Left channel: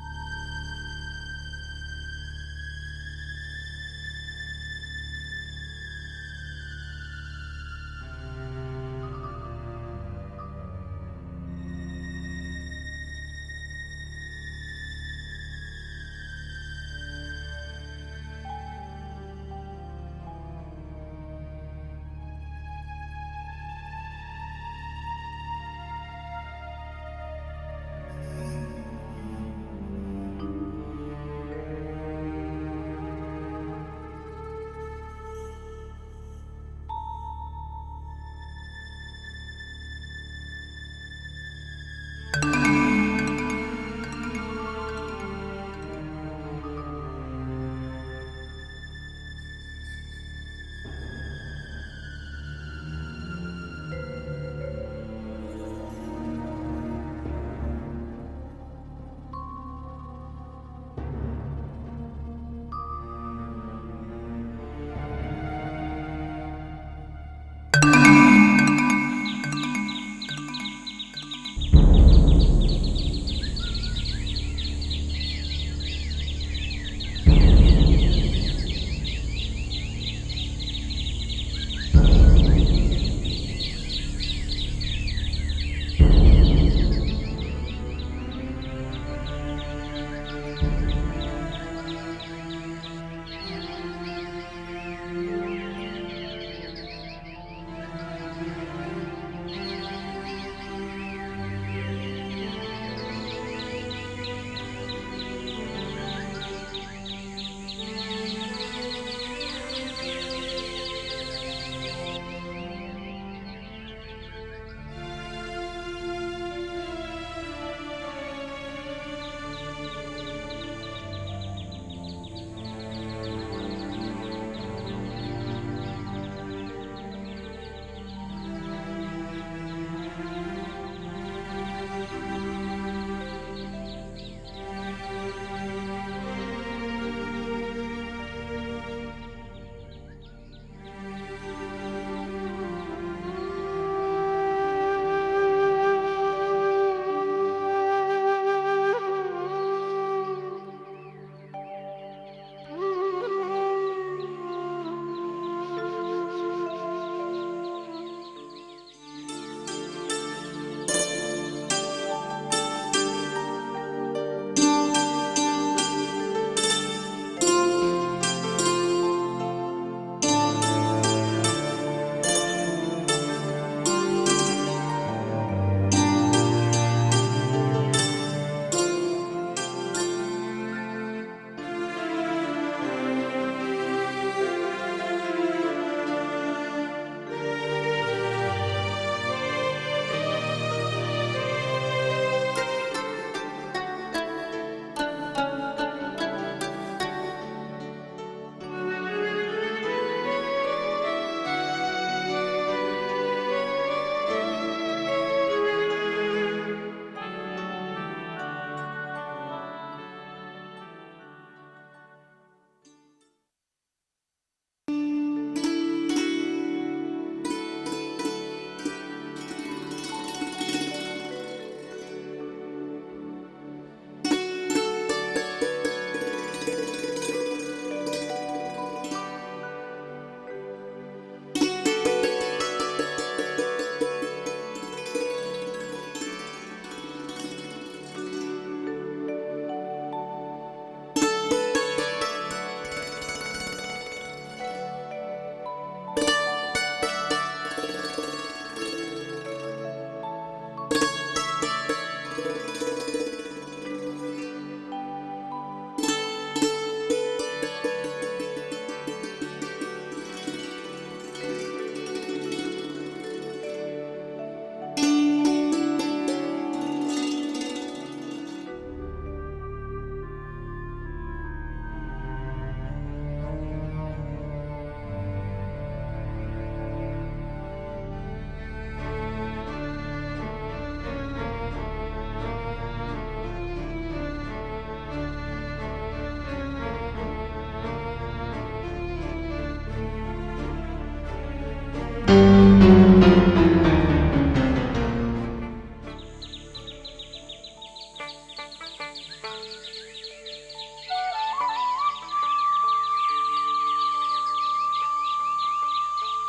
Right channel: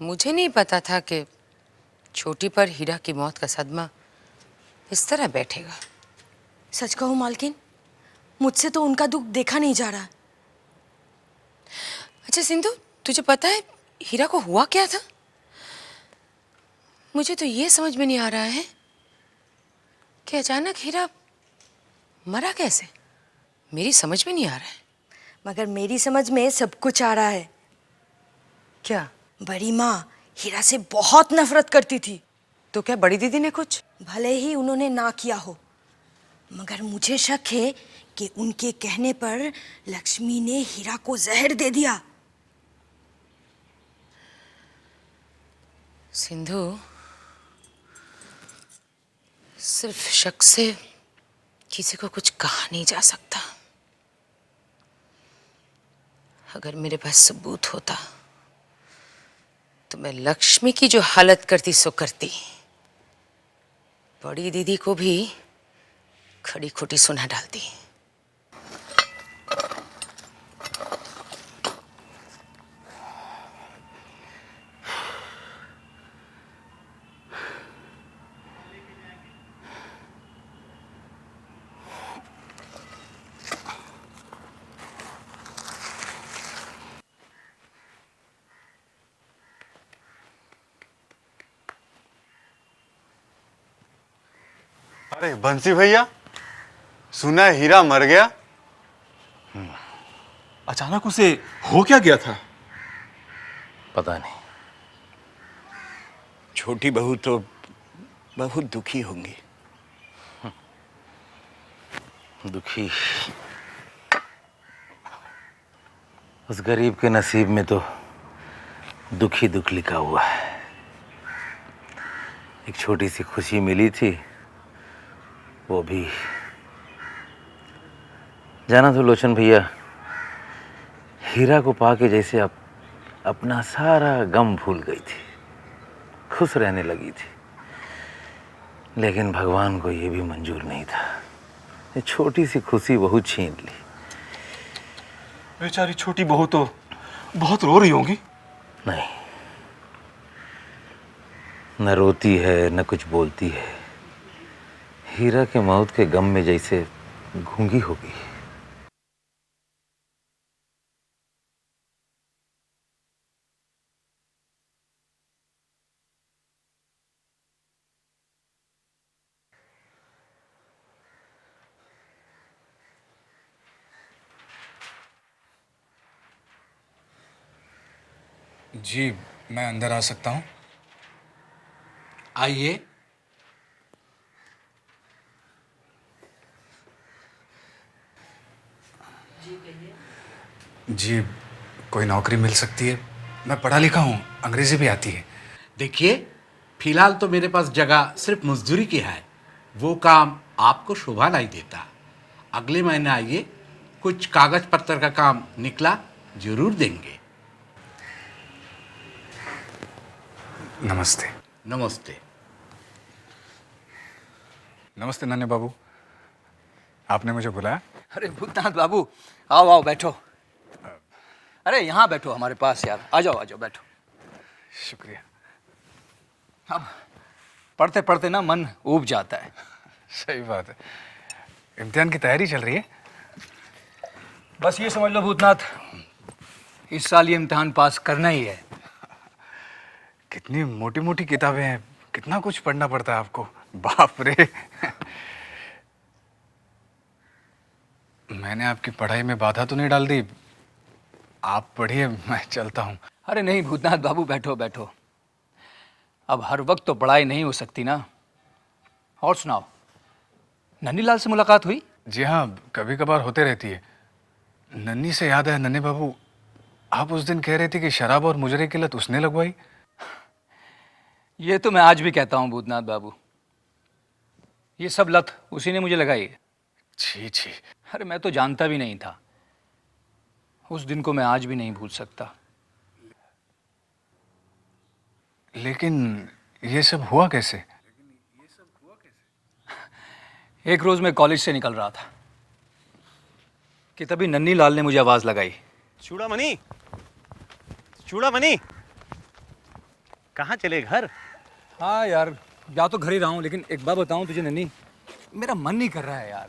मुझे नहीं पता था कि छोटी पर हीरा की मौत का सदमा इस तरह बैठेगा। सच कहूं मालकिन, मुझसे तो उनका दुख देखा नहीं जा रहा। अच्छा सिंधु, तुझे पता है हीरा को हुआ क्या था? मुझे तो ये समझ में नहीं आ रहा है कि अचानक हीरा मरा कैसे। मेरी समझ में नहीं आ रहा है। मगर मेरी समझ में सब कुछ आ रहा है। क्या? बड़ी माँ हीरा से बहुत नफरत करती थी। तो क्या बड़ी दीदी ने कुछ? भले ही उन्होंने ना किया हो, मगर मुझे शक है कि उनके कहने पर लक्ष्मी ने हीरा को जहर दे दिया। सिंधु, सिर्फ शक से किसी को कुछ कहा नहीं जा सकता। अगर मेरे पास सबूत होता तो मैं लक्ष्मी की जो हालत करती सो करती। बड़ी दीदी को भी खड़ी खोटी सुना डालती। अरे बंसी भैया, सुना है हीरा मर गया? अचानक उसे हो क्या गया था? पता नहीं। छोटी बहू तो बहुत दुखी होगी। दुखी? उस गरीब के नसीब में तो दुख ही दुख लिखा हुआ है। एक छोटी सी खुशी मिली थी, वो भी जाना तो लोचन भैया, हीरा को पाके जैसे अपना सारा गम भूल गई थी, खुश रहने लगी थी। लेकिन भगवान को ये भी मंजूर नहीं था। ये छोटी सी खुशी बहुत छीन ली। बेचारी छोटी बहू तो बहुत रो रही होंगी। नहीं, न रोती है न कुछ बोलती है। हीरा के मौत के गम में जैसे गूंगी हो गई। जी, मैं अंदर आ सकता हूँ? आइए। जी, कोई नौकरी मिल सकती है? मैं पढ़ा लिखा हूँ, अंग्रेजी भी आती है। देखिए, फिलहाल तो मेरे पास जगह सिर्फ मजदूरी की है। वो काम आपको शोभा नहीं देता। अगले महीने आइए, कुछ कागज पत्र का काम निकला जरूर देंगे। नमस्ते। नमस्ते। नमस्ते नन्हे बाबू, आपने मुझे बुलाया? अरे भूतनाथ बाबू, आओ आओ बैठो। अरे यहाँ बैठो हमारे पास यार, आ जाओ बैठो। अब पढ़ते पढ़ते ना मन ऊब जाता है। सही बात है। इम्तिहान की तैयारी चल रही है? बस ये समझ लो भूतनाथ, इस साल ये इम्तिहान पास करना ही है। कितनी मोटी मोटी किताबें हैं, कितना कुछ पढ़ना पड़ता है आपको। बाप रे। मैंने आपकी पढ़ाई में बाधा तो नहीं डाल दी? आप पढ़िए, मैं चलता हूँ। अरे नहीं भूतनाथ बाबू, बैठो बैठो। अब हर वक्त तो पढ़ाई नहीं हो सकती ना। और सुनाओ, नन्हीलाल से मुलाकात हुई? जी हाँ, कभी कभार होते रहती है। नन्ही से याद है नन्हे बाबू, आप उस दिन कह रहे थे कि शराब और मुजरे की लत उसने लगवाई। ये तो मैं आज भी कहता हूँ भूतनाथ बाबू, ये सब लत उसी ने मुझे लगाई है। छी छी। अरे मैं तो जानता भी नहीं था। उस दिन को मैं आज भी नहीं भूल सकता। लेकिन ये सब हुआ कैसे? एक रोज मैं कॉलेज से निकल रहा था कि तभी नन्हीलाल ने मुझे आवाज लगाई। चूड़ामणि, चूड़ामणि। कहाँ चले, घर? हाँ यार, जा तो घर ही रहा हूँ, लेकिन एक बात बताऊँ तुझे नन्ही, मेरा मन नहीं कर रहा है यार।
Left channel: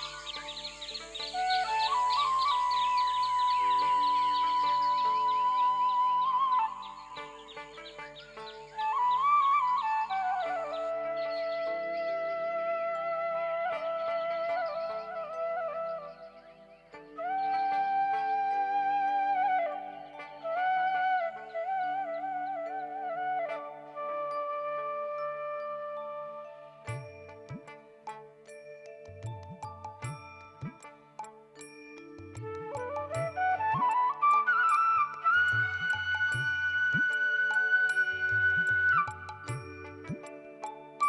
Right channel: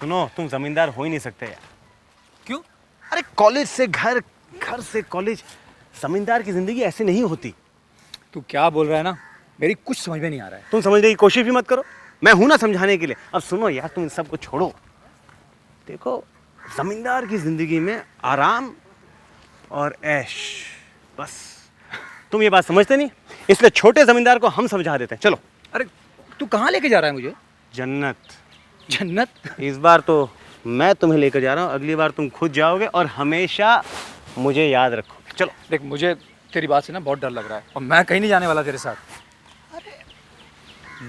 सुनो, तुम जमींदार हो ही नहीं सकते। क्यों? अरे कॉलेज से घर, घर से कॉलेज, जमींदार की जिंदगी ऐसी नहीं होती। तू क्या बोल रहा है ना, मेरी कुछ समझ में नहीं आ रहा है। तुम समझने की कोशिश भी मत करो, मैं हूं ना समझाने के लिए। अब सुनो यार, तुम इन सबको छोड़ो। देखो, जमींदार की जिंदगी में आराम और ऐश, बस। तुम ये बात समझते नहीं, इसलिए छोटे जमींदार को हम समझा देते हैं। चलो। अरे तू कहाँ लेके जा रहा है मुझे? जन्नत। जन्नत? इस बार तो मैं तुम्हें लेकर जा रहा हूँ, अगली बार तुम खुद जाओगे और हमेशा मुझे याद रखो। चलो। देख, मुझे तेरी बात से ना बहुत डर लग रहा है, और मैं कहीं नहीं जाने वाला तेरे साथ।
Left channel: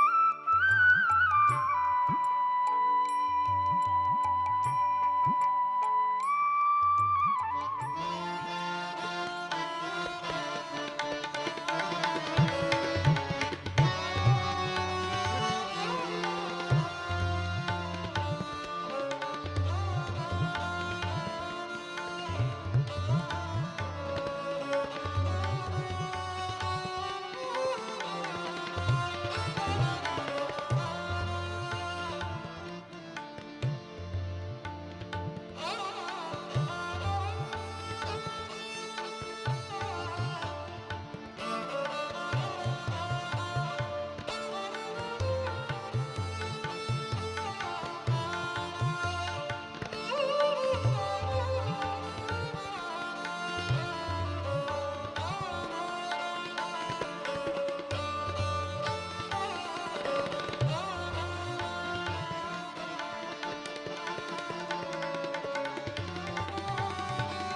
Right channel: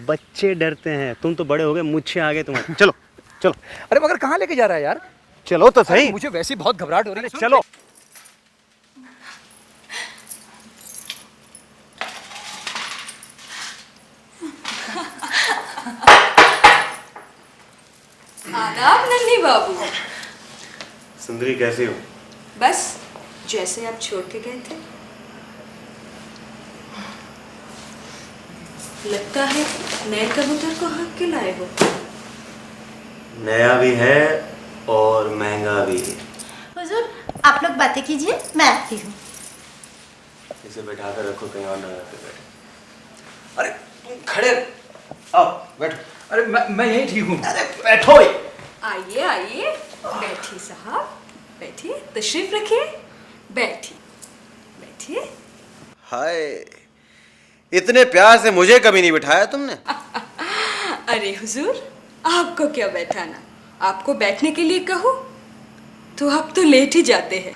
बच्चे डरते हैं, तुम तो बड़े हो गए, मुझसे आगे तुम्हारे। चलो चलो। अरे मगर कहाँ लेके जा रहा है यार? चलो तो सही। मुझे वैसे ही बहुत घबराहट हो रही है। चलो। आदाब नन्ही बाबू। सुंदरी, कैसी हो? बस जैसे आप छोड़ के गए थे। लगता है नए कबूतर को हक के लाए हो। नया भी है और महंगा भी। हुजूर, आप लोग बातें कीजिए, मैं आती हूँ। इसे बैठा कर रखो, कहीं और न जाते। अरे खड़े आओ, बैठो। अरे मैं यही ठीक हूँ। अरे बैठो। आइए आइए, बैठिए साहब, बैठिए, तशरीफ रखिए, बैठिए बैठिए। हाय, इतने प्यार से मुझे कभी नहीं बिठाया तुमने। अरे हुजूर, आपको क्या बैठाना, आपको बैठने के लिए कहूँ तो आप तो लेट ही जाते हैं।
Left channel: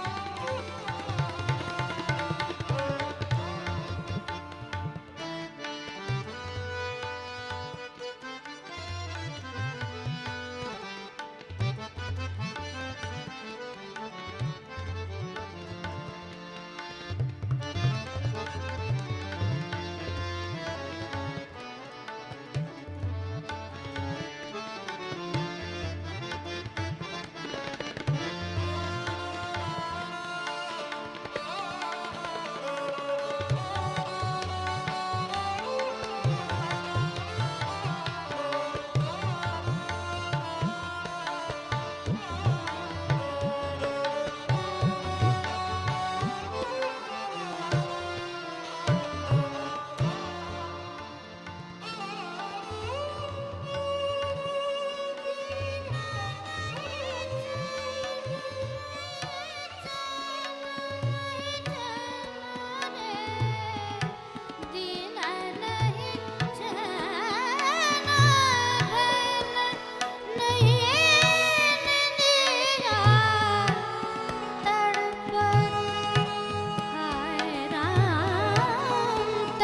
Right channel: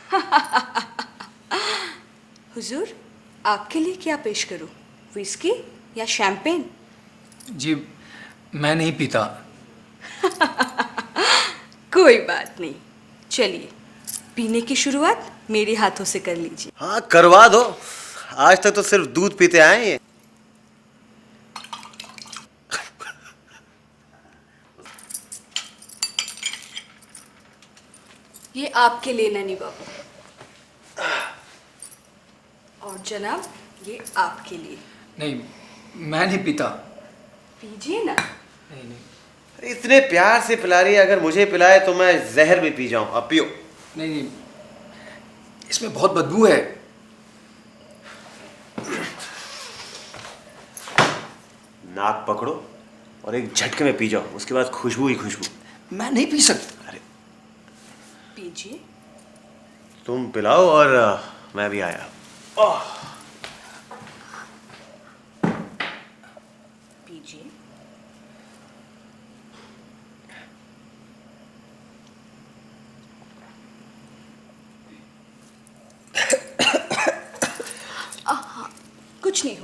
हुजूर, आपके लिए क्या पेश करूँ, विस्की या शैंपेन? जी, मैं नहीं पीता। कोई बात नहीं, चलिए पीने की शुरुआत मेरे हाथों से कर लीजिए। हाँ, करवा दो। आज तक तो सिर्फ दूध पीते आए हैं। ये आपके लिए नन्ही बाबू, और जनाब ये आपके लिए। नहीं, मैं नहीं पीता। जी ना। इतने प्यार से पिला रही है, अगर मुझे पिलाए तो मैं जहर भी पी जाऊं। अब पियो। नहीं, इसमें बहुत बदबू है। नाक पकड़ो और एक झटके में पी जाओ, उसके बाद खुशबू ही खुशबू। मैं नहीं पी सकता। पीजिए। तुम पिलाओ और मैं भी आया। कुछ नहीं,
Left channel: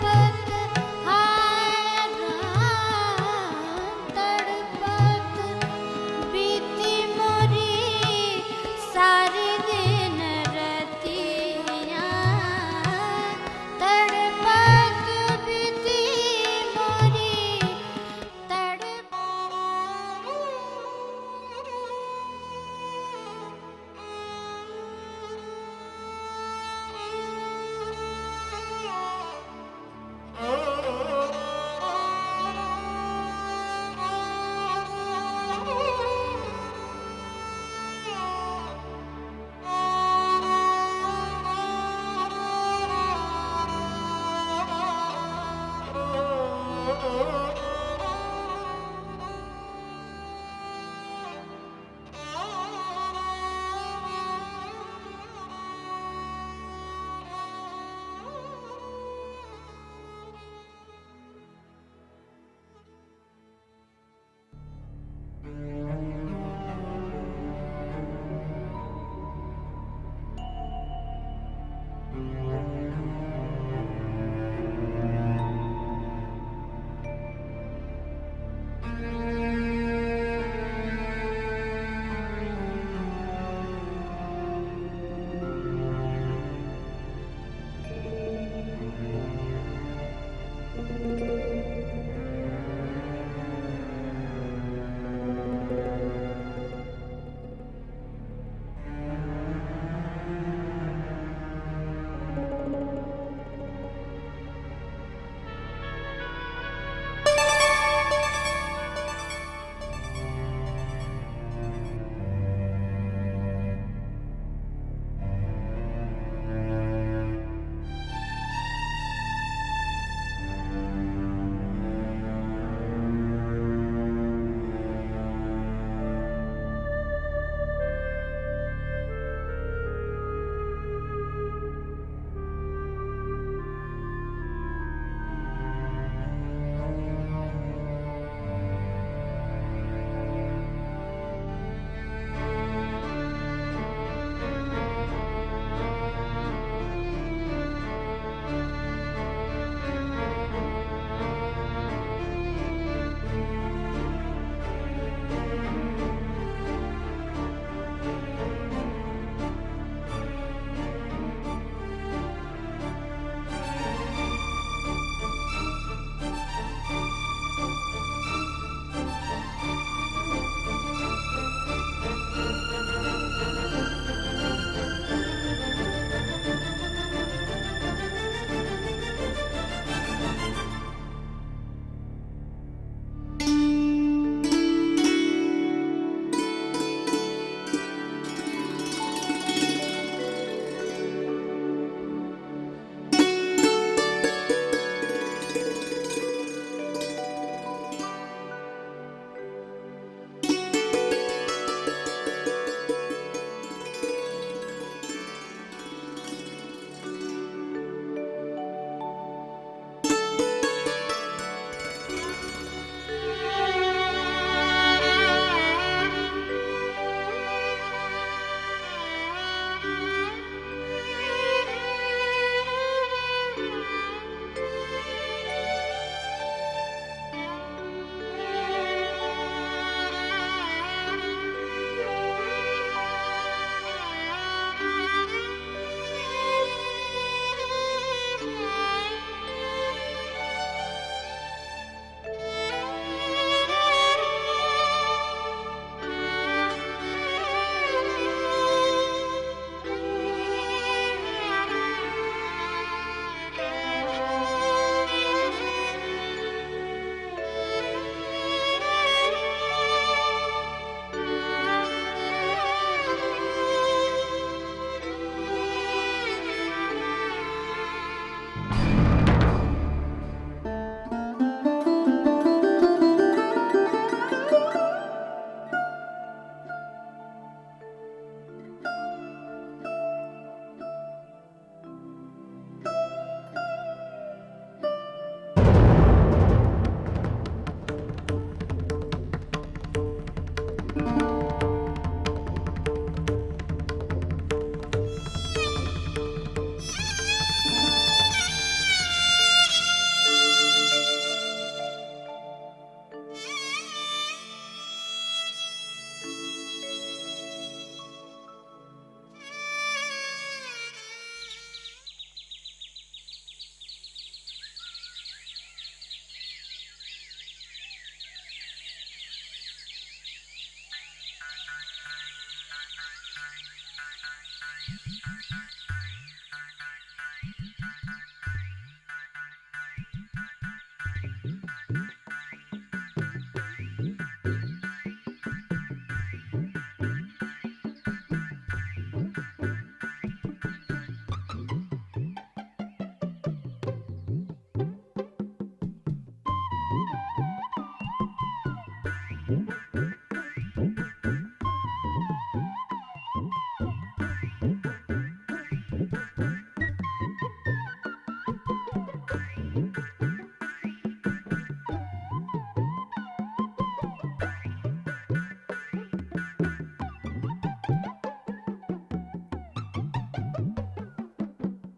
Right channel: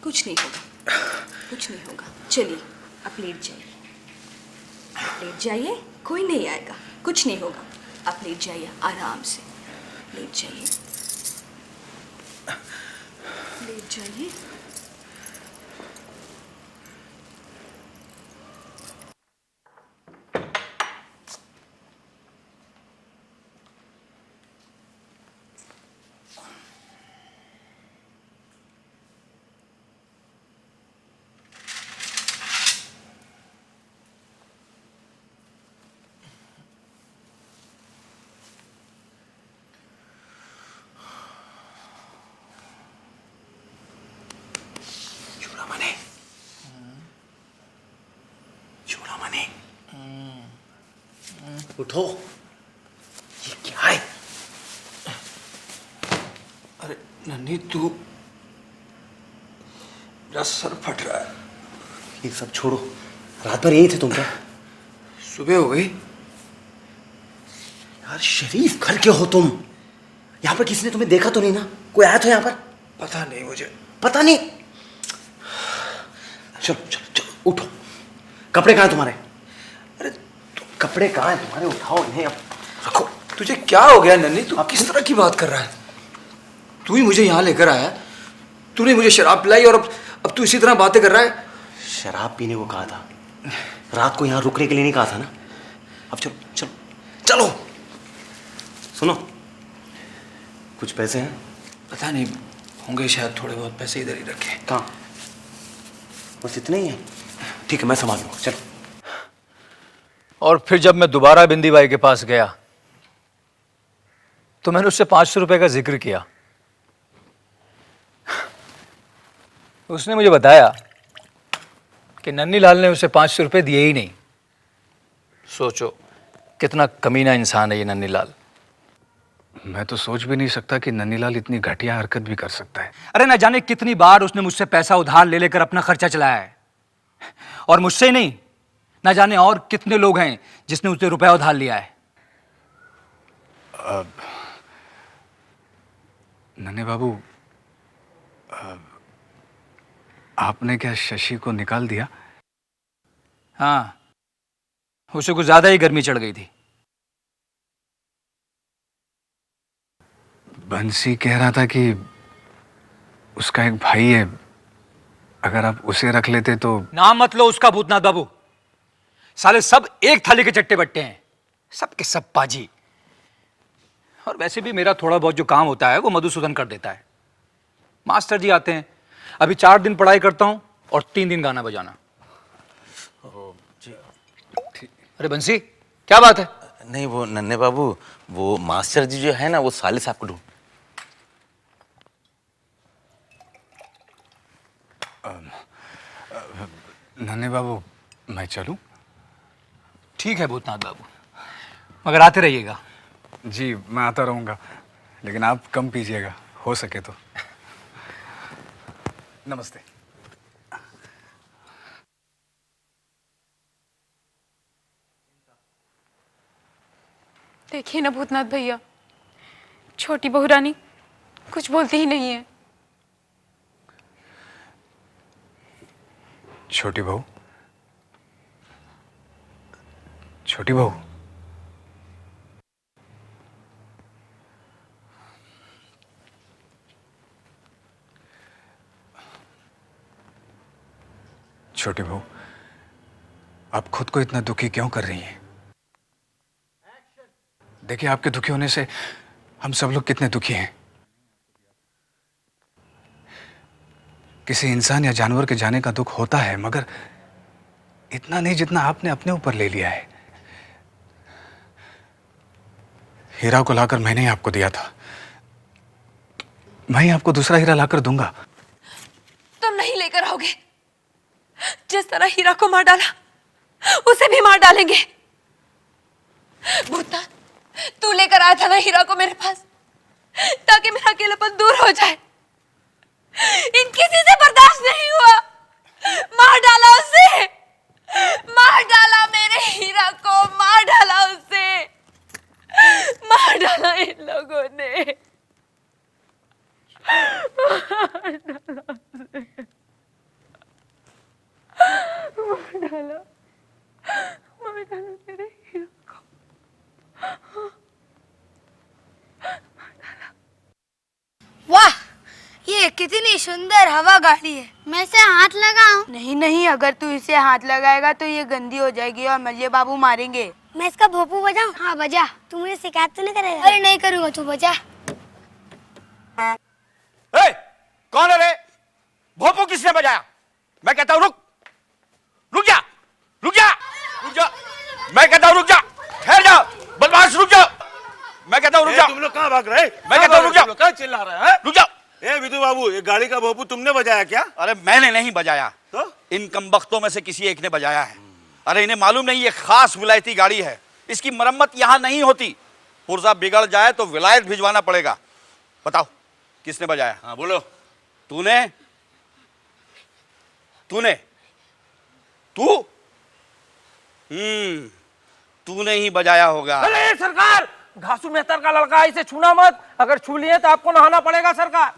कुछ नहीं, कुछ नहीं। चलिए आप लेट जाइए, लेट जाइए, कोई नहीं आएगा, कुछ नहीं होगा। आप लेट जाइए आराम से। लेट जाइए। उठो। ये क्या है? अरे नन्ही, तू, मेरा सर फट रहा है। ये सब छोड़ो, रात भर यही थे तुम क्या? सुबह हो गई। यार शरीफ घर के हो तुम। यहाँ पर किसी ने तुम्हें देखा तो नहीं ना? कोई आया था यहाँ पर? पता नहीं मुझे। पता नहीं। चलो चलो चलो, उठो। कपड़े कहाँ हैं तुम्हारे? अरे कपड़े कहाँ हैं तुम्हारे? उठाओ इन्हें, अब रखो। तुझे क्या हो गया नन्ही? तू किस तरह की बात कर रहा है? तू ही मुझे यहाँ लेकर आया, तूने मुझे शराब पिलाई और अब तू इसी तरह बातें कर रहा है। शराब पीने को कहा था, रात को यहाँ रुकने के लिए नहीं कहा था ना? अब चलो चलो चलो। सुनो, कुछ पैसे हैं? पता नहीं, होंगे शायद थोड़े बहुत पैसे इधर ही रखे। कहाँ? बस इतने ही है? ठीक है, मैं संभाल लूंगा, चल। और फिर जब मैं दोबारा बिंदी बाई के पास गया तो मैंने उससे 500 रुपए का जिक्र किया। उसने मुझे बताया कि नन्नी लाल ने उसे 500 रुपए दिए ही नहीं। सोचो कितना कमीना इंसान है ये नन्नी लाल। मैं तो सोच भी नहीं सकता कि नन्नीलाल इतनी घटिया हरकत भी कर सकता है। अरे न जाने कितनी बार उसने मुझसे पैसा उधार ले लेकर अपना खर्चा चलाया है, और मुझसे ही नहीं, न जाने और कितने लोग हैं जिसने उससे रुपया उधार लिया है। नन्हे बाबू, आपने क्या शशि को निकाल दिया? हाँ, उसे कुछ ज्यादा ही गर्मी चढ़ गई थी। बंसी कह रहा था कि उसका एक भाई है, अगर आप उसे रख लेते तो। नाम मत लो उसका भूतनाथ बाबू। साले सब एक थाली के चट्टे बट्टे हैं, सबके सब पाजी। और वैसे भी मेरा थोड़ा बहुत जो काम होता है वो मधुसूदन कर देता है। मास्टर जी आते हैं, अभी 4 दिन पढ़ाई करता हूँ और 3 दिन गाना बजाना। अरे बंसी, क्या बात है? नहीं वो नन्हे बाबू, वो मास्टर जी जो है ना, वो साले साहब को। नन्हे बाबू, मैं चलूं? ठीक है भूतनाथ बाबू, मगर आते रहिएगा। जी, मैं आता रहूंगा, लेकिन आप कम पीजिएगा, हो सके तो। नमस्ते। देखिए ना भूतनाथ भैया, छोटी बहू रानी कुछ बोलती ही नहीं है। छोटी बहू, छोटी बहू, छोटी बहू, आप खुद को इतना दुखी क्यों कर रही हैं? देखिए, आपके दुखी होने से हम सब लोग कितने दुखी हैं। किसी इंसान या जानवर के जाने का दुख होता है, मगर इतना नहीं जितना आपने अपने ऊपर ले लिया है। हीरा को लाकर मैंने ही आपको दिया था, मैं ही आपको दूसरा हीरा लाकर दूंगा। तुम नहीं लेकर आओगे। जिस तरह हीरा को मार डाला, उसे भी मार डालेंगे। भूतनाथ, तू लेकर आया था ना हीरा को मेरे पास, ताकि मेरा अकेलापन दूर हो जाए। इन किसी से बर्दाश्त नहीं हुआ, मार डाला उसे, मार डाला मेरे हीरा को, मार डाला उसे, मार डाला इन लोगों ने। वाह, ये कितनी सुंदर हवा गाड़ी है। मैं इसे हाथ लगाऊं? नहीं नहीं, अगर तू इसे हाथ लगाएगा तो ये गंदी हो जाएगी और मल्लिया बाबू मारेंगे। मैं इसका भोपू बजाऊं? हाँ बजा। तू मुझे शिकायत तो नहीं करेगा? अरे नहीं करूँगा, तू बजा। कौन है रे? भोपू किसने बजाया? मैं कहता हूँ रुक, रुक जा, रुक जा, रुक जा। मैं कहता हूँ रुक जा, ठहर जा, बदमाश रुक जा। मैं कहता हूँ रुक जा। तुम लोग कहाँ भाग रहे? मैं कहता हूँ रुक जा। कहाँ चिल्ला रहा है? रुक जा। विधु बाबू, ये गाड़ी का भोपू तुमने बजाया क्या? अरे मैंने नहीं बजाया, तो इन कमबख्तों में से किसी एक ने बजाया है। अरे इन्हें मालूम नहीं ये खास विलायती गाड़ी है, इसकी मरम्मत यहाँ नहीं होती। पुर्जा बिगड़ जाए तो विलायत भिजवाना पड़ेगा। बताओ किसने बजाया? हाँ बोलो। तूने? तूने? तू? तूने ही बजाया होगा। अरे सरकार, घासू मेहतर का लड़का है, इसे छूना मत। अगर छू लिए तो आपको नहाना पड़ेगा सरकार।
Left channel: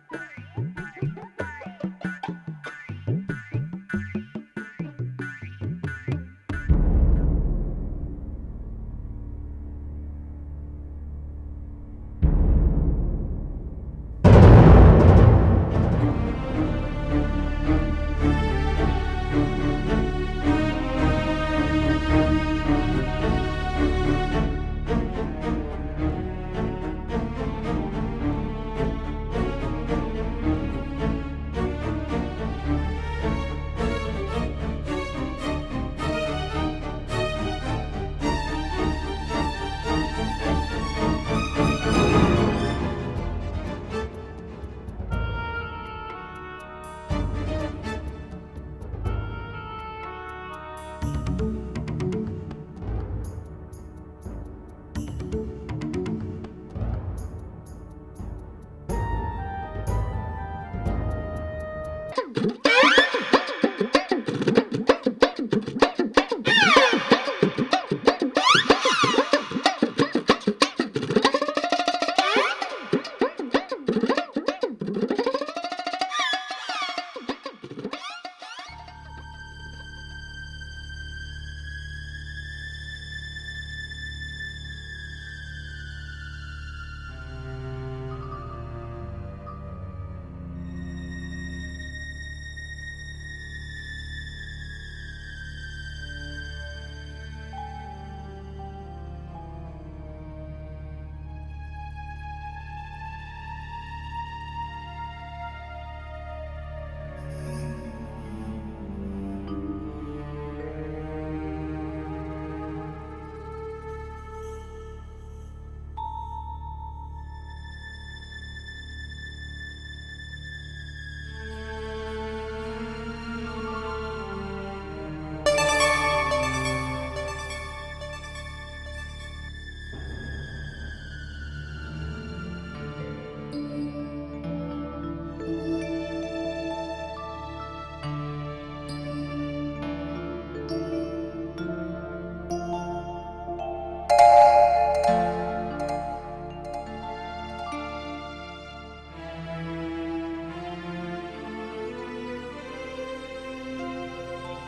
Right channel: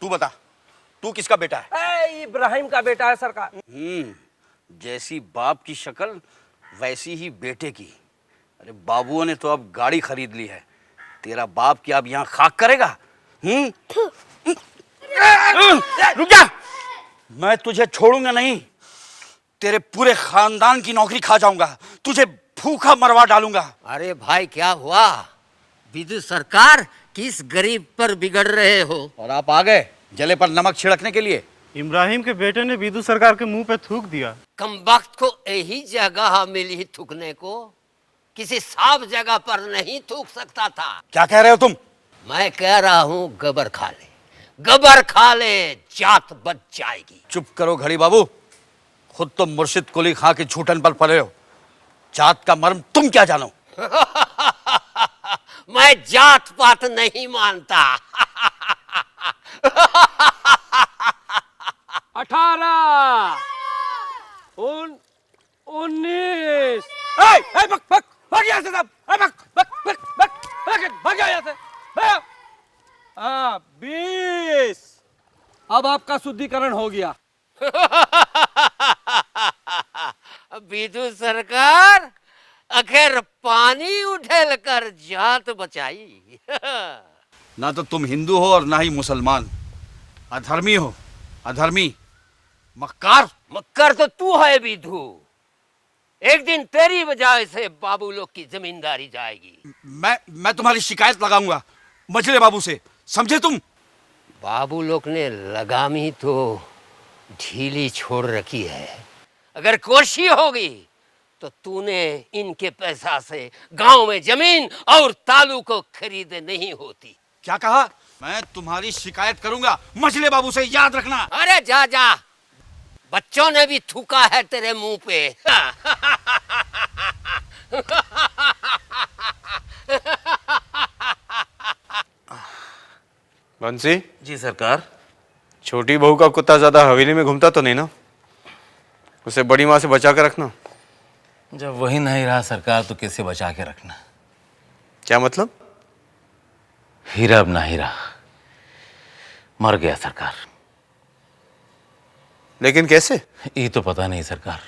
तू बता, तू किसका बेटा है? इब्राहिम का बेटा है सरकार। जैसी बाप की शक्ल वैसी ही बेटे की। अरे बाबुओं ने तो अब गाड़ी खरीद ली है, तेरा बाप क्या अब यहाँ खाक करेगा? रुक जा, मैं तुझे छोड़ूंगा नहीं। तेरे पूरे खानदान की नौकरी खा जाऊंगा, तुझे भूखा मरवा डालूंगा। अरे भाई क्या हुआ? विधु सरकार किस गरीब पर बिगड़ रहे हो? और आप आ गए जले पर नमक छिड़कने के लिए। इब्राहिम के बेटे ने विदु सरकार के मुंह पे थूक दिया। कम वक्त को यही जगह मिली थूकने को, किसी साफ जगह पर नहीं थूक सकता था। क्या कह रहे हो तुम? मैं कह रहा हूँ कबर खा ले, कबर खा ले, जात बच जाएगी। चुप करो घड़ी बाबू, खुद तो मुर्शिद कुली खां के छूटन पर पड़े हो। जात का मर्म तुम क्या जानो? मैं जात पात नहीं मानता। 18 19 अब आपका शुद्धिकरण हो गया। विदु सरकार आखिर पानी उठेल कर जात बचाई। ना तो तुम हिंदू हो और ना ही मुसलमान। अधर्मी हो, अधर्मी, मक्कार। मक्कार तो तू है विदु। एक दिन तेरी वजह से बाबू लोग की जमींदारी जाएगी। मैं तुम्हारी शिकायत लगाऊंगा मछली बाबू से, समझे तुम? बाबू लोग ने लगामी तो ढीली छोड़ रखी है। अगर कोशिश होगी तो तूने इनके पैसा से गांव में जमीन और तालू को खरीदे नहीं होती। क्या कहा? मैं तुम्हारी शिकायत करूंगा मछली बाबू से, याद रखना। अरे जा जा, बच्चों ने भी थूका है तेरे मुंह पे। बंसी जी सरकार। छोटी बहू का कुत्ता ज्यादा हवेली में घूमता तो नहीं ना? उसे बड़ी माँ से बचा कर रखना। जब वही नहीं रहा सरकार तो किससे बचा के रखना? क्या मतलब? हीरा अब नहीं रहा, मर गया सरकार। लेकिन कैसे? ये तो पता नहीं सरकार,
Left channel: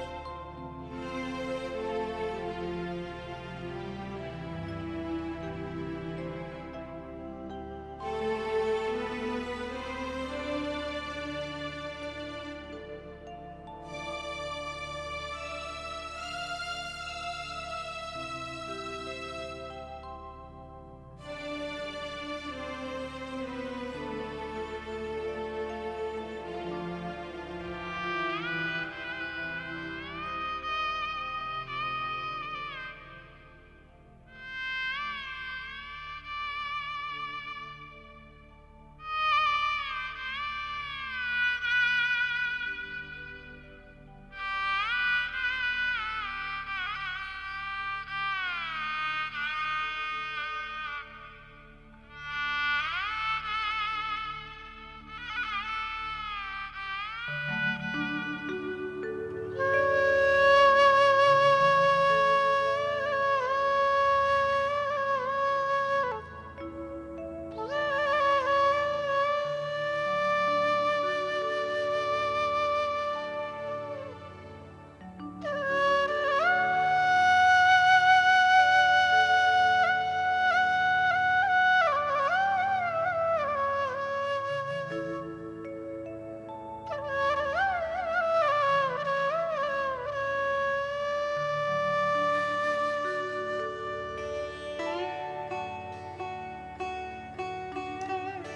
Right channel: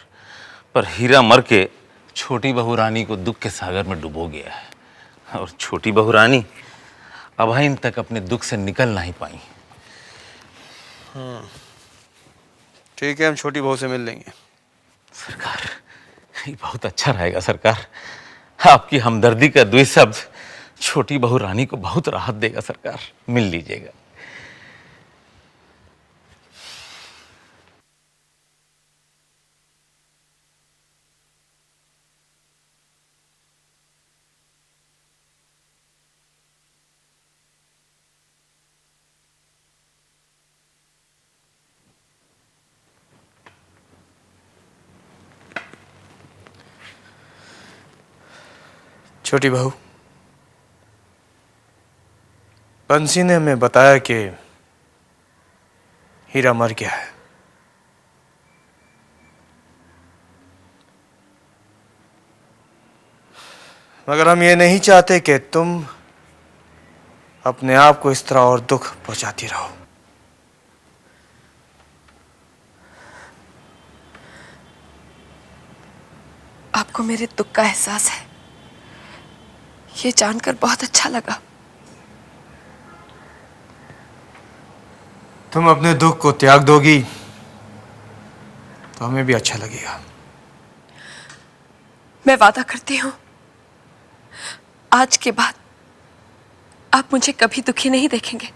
पर हीरा मर के छोटी बहू रानी को दुख के सागर में डुबो गया है और छोटी बहू रानी अभाइन तक अपने दुख से निकल नहीं पाई। ठीक है, हम छोटी बहू से मिल लेंगे। सरकार, ये बहुत अच्छा रहेगा सरकार। आपकी हमदर्दी का 2 शब्द छोटी बहू रानी को बहुत राहत देगा सरकार। मिल लीजिएगा। छोटी बहू, बंसी ने हमें बताया कि हीरा मर गया है। मगर हम ये नहीं चाहते कि तुम अपने आप को इस तरह और दुख पहुंचाती रहो। आपको मेरे दुख का एहसास है, ये जानकर बहुत अच्छा लगा। तुम अपने दुख को त्याग दोगी तो हमें भी अच्छा लगेगा। मैं वादा करती हूँ, आज के बाद आप मुझे कभी दुखी नहीं देखेंगे।